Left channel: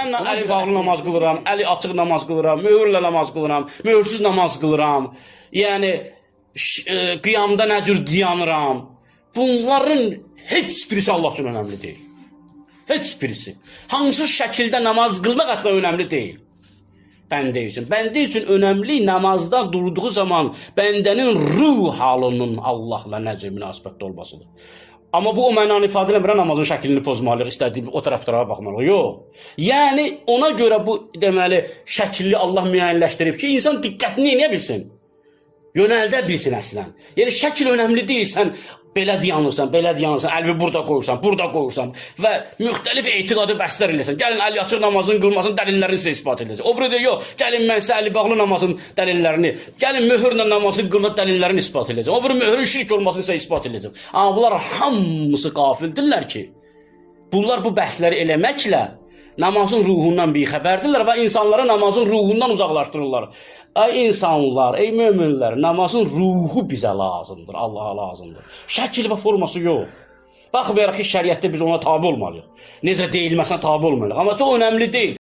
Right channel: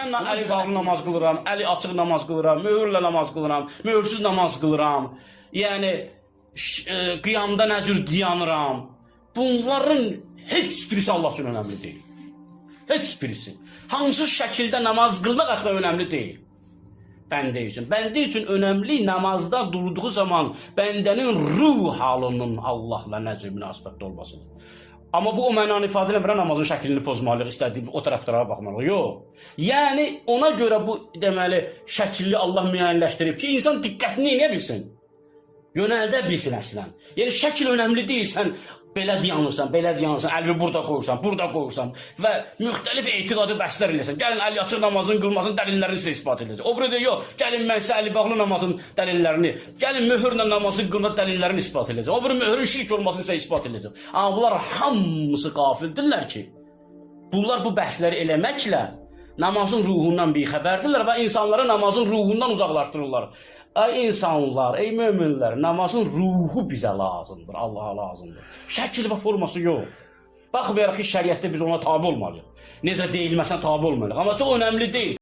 Mən əli bağlı namaz qılıram, əli açıq namaz qılıram, möhürlə namaz qılıram, möhürsüz namaz qılıram. Yəni qiyamda nə cür dayanıram. Bunların heç birisi Allah üçün önəmli deyil. Heç birisi. Hansı şəkildə namaz qılmaq əslində önəmli deyil. Bəndə üçün. Bəndə üçün önəmli namazdan durduğu zaman bəndənin ruh halının Allahla nə cür münasibətdə olmasıdır. Amma bu o mənanı ifadə eləmir, namazın şəklini pozmalıyıq, istədiyim o tərəflərə baxmalıyıq. Yox. Yəni ona görə bu deməli şəkilli Allah müəyyənləşdirib ki, insan diqqətini eləyə bilsin. Yönəldə bilsin əslən. Yəni şəkil önəmli deyil, sən belə dayanırsan, əlvi burada qoyursan və müxtəlif etiqadı bəhslər eləsən. Gəlin əli açıq namazın qılmasının dəlillərini sizə isbat edəcək. O burada yox, gəlin mən sizə əli bağlı namazın dəlillərini, gəlin möhürlə namazın qılma dəlillərini isbat edəcək. O burada möhürün şirk olmasını sizə isbat edəcək. Amma bunlar hamısı qafildirlər ki, bunlar bu bəhsləri eləməklə namazın ruhundan bixəbərdirlər və insanları namazın ruhundan uzaqlaşdırırlar. Ay insanlar, ey möminlər, namazın ruhu bizə lazımdır, Allaha lazımdır. Şəkil və forması yox. Baxmayaraq ki, şəriətdə biz ona tabi olmalıyıq. Necə deyilməsən tabi olmalıyıq. Amma çox önəmli deyil.